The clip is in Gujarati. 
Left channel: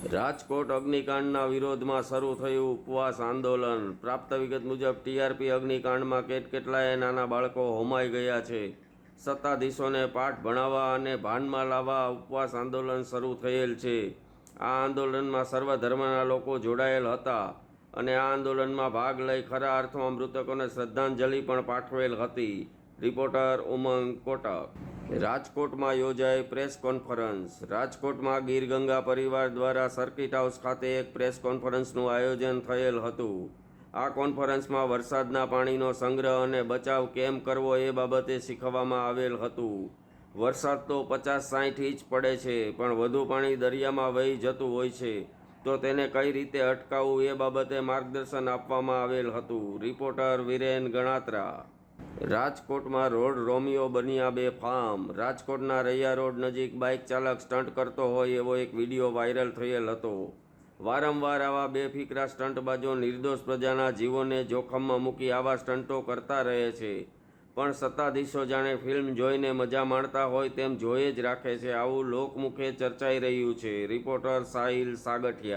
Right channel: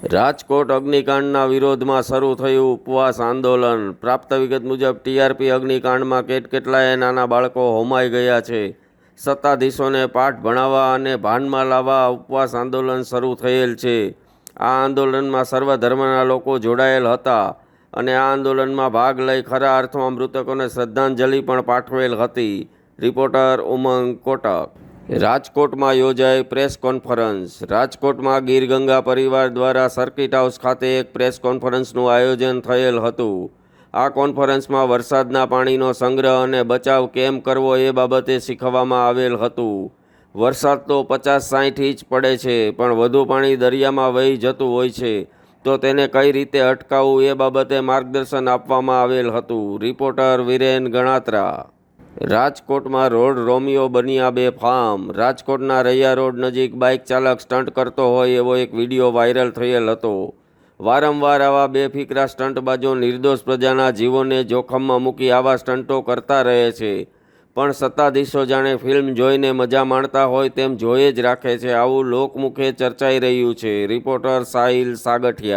રાજકોટ અગ્નિકાંડના વિરોધમાં શરૂ થયું ઉપવાસ આંદોલન। પ્રાપ્ત વિગત મુજબ ટીઆરપી અગ્નિકાંડમાં કેટલાય નાના બાળકો હોમાઈ ગયા છે। સત્તાધીશોને પાઠ ભણાવવા અને ભાનમાં લાવવા ઉપવાસ આંદોલન શરૂ થયેલ છે। આ આંદોલનમાં સર્વધર્મના લોકો જોડાયેલ હતા અને આ આંદોલનમાં ભાગ લઈ ખરા અર્થમાં મૃતકોને શ્રદ્ધાંજલિ પણ પાઠવેલ હતી। રિપોર્ટર ઉમંગ કોટક। રાજકોટમાં યોજાઈ પ્રેસ કોન્ફરન્સ। રાજકોટમાં ગીરગંગા પરિવાર દ્વારા સર્કિટ હાઉસ ખાતે એક પ્રેસ કોન્ફરન્સનું આયોજન થયેલ હતું। આ કોન્ફરન્સમાં વરસાદના પાણીનો સંગ્રહ અને બચાવ કેમ કરવો એ બાબતે શીખવવામાં આવેલ હતું। વરસાદ તો 50-60 ઇંચ પડે છે, પણ વધુ પાણી દરિયામાં વહી જતું હોય છે, તો તેને કઈ રીતે અટકાવવું એ બાબતે માર્ગદર્શન આપવામાં આવેલ હતું। રિપોર્ટર વિરેન ગણાત્રા। રાજકોટમાં રોડ રોમિયો બન્યા બેફામ। રાજકોટના રૈયા રોડ નજીક બાઇક ચાલક સ્ટન્ટ કરતો હોય એવો એક વિડીયો વાયરલ થયેલ હતો। વારંવાર આવા બેફિકરા સ્ટન્ટબાજો નિર્દોષ પ્રજાના જીવોને જોખમમાં મૂકી આવા સ્ટન્ટો કરતા રહે છે, પણ સત્તાધીશો જાણે ફિલ્મ જોઈને મજા માણતા હોય તેમ જોઈ જ રાખે છે, આવું લોકમુખે ચર્ચાઈ રહ્યું છે। રિપોર્ટર સાહિલ સાગઠિયા।